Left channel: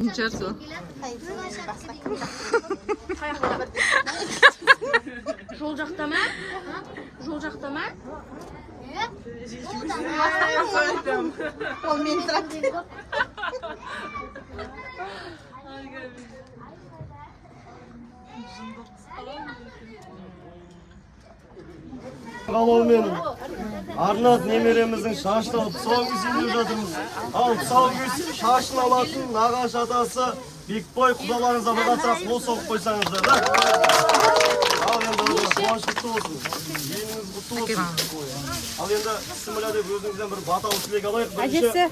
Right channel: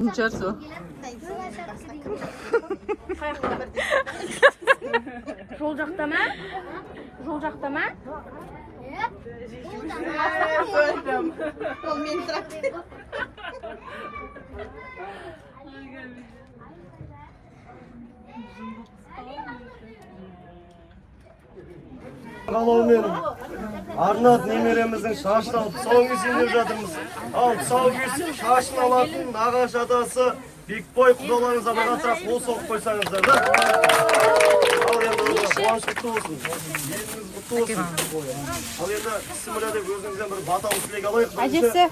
Bunchasi. Жол жақтама? Жол жақтама? Ол мен тұрады. Қалаумен Арнат немереміздің шашын алып тұсау кесейін деп жатырмыз. Ал тұсау кесіп шашын алатын ағаш атасы Бекбой құдаларыңызға бір қатырақ қол соғып қойсаңыздар да. Ал енді қуаныш құтты болсын. Еліңіз құтты болсын. Ал енді Сүміля деп өзіңізден бір баталы тілек алайық. Әжесі.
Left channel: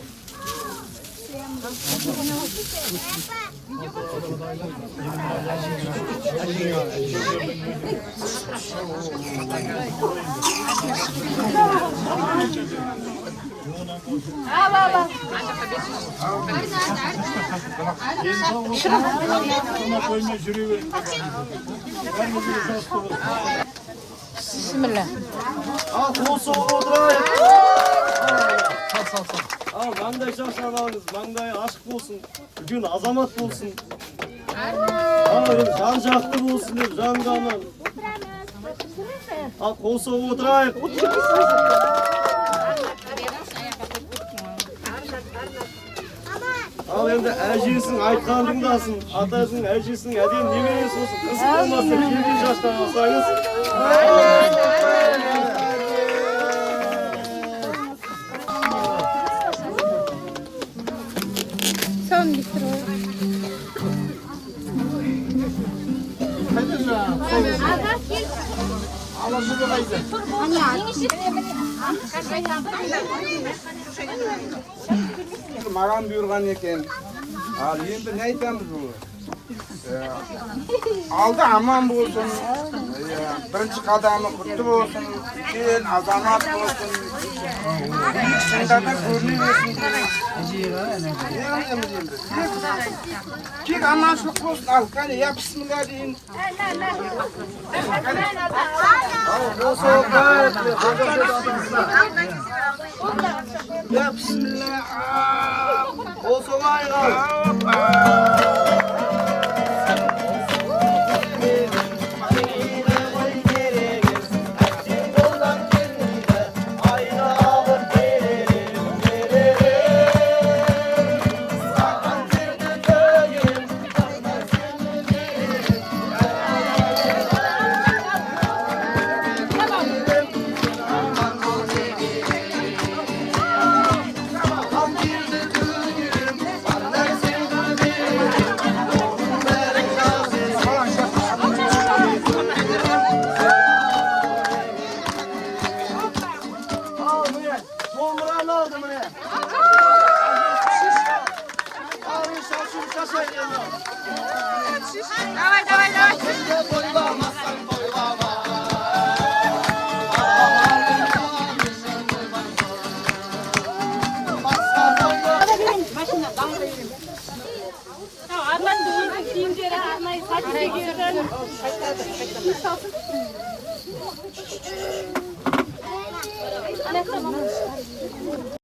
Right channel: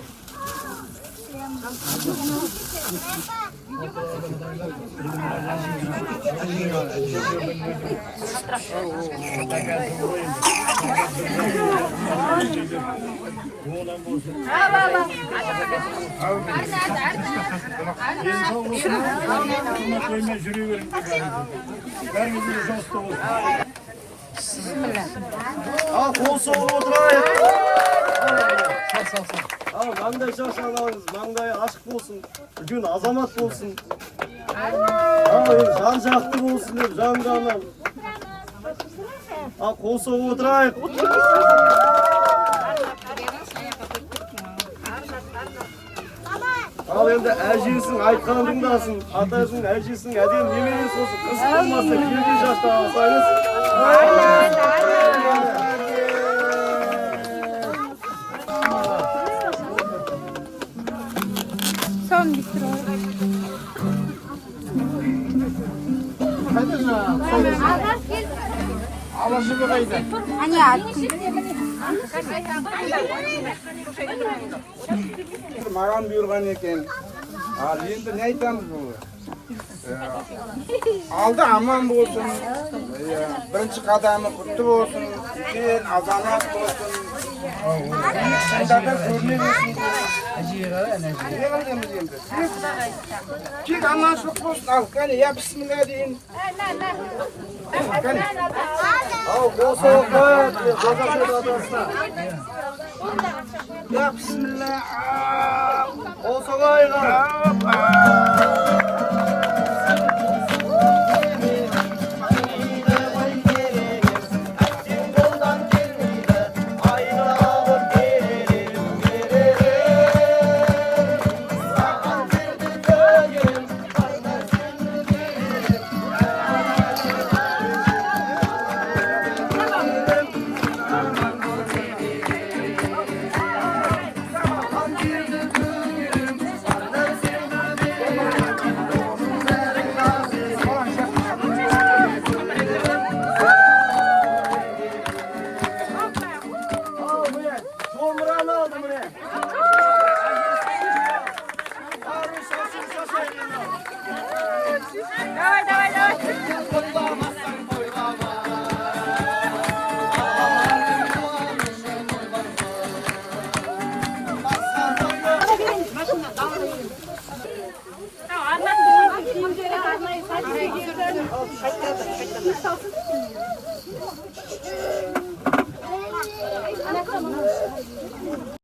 Al kol soğuk oturayım. Al mangday şaşalarınız, mangday aşk olsun, bugün azamat olsun. Al can jaktı olsun деп can canım. Al kol soğuk oturayım. Al енді әжесің айтқан тыңдасын, атасың әжесің әдем немересі болсын, қыз болмасын, келген жастан алсаңыз. Маған бұйырған екен. Ал енді не айтамыз бұл? Алды аман болсын. Бірінші қадамы құтты болсын. Үлкен азамат болсын. Биік шыңдарда көріне берсін дейміз. Тек аманшылық болсын. Ал, кәне, я бісміллә дейін. Al kol soğuk Ya bismillah. kol soğuk ayığa. Domranı aldım buraya. Abi şaşın şaşayın. Давай, давай, давай. Арманды өзі киімдері арнайы сатып берген.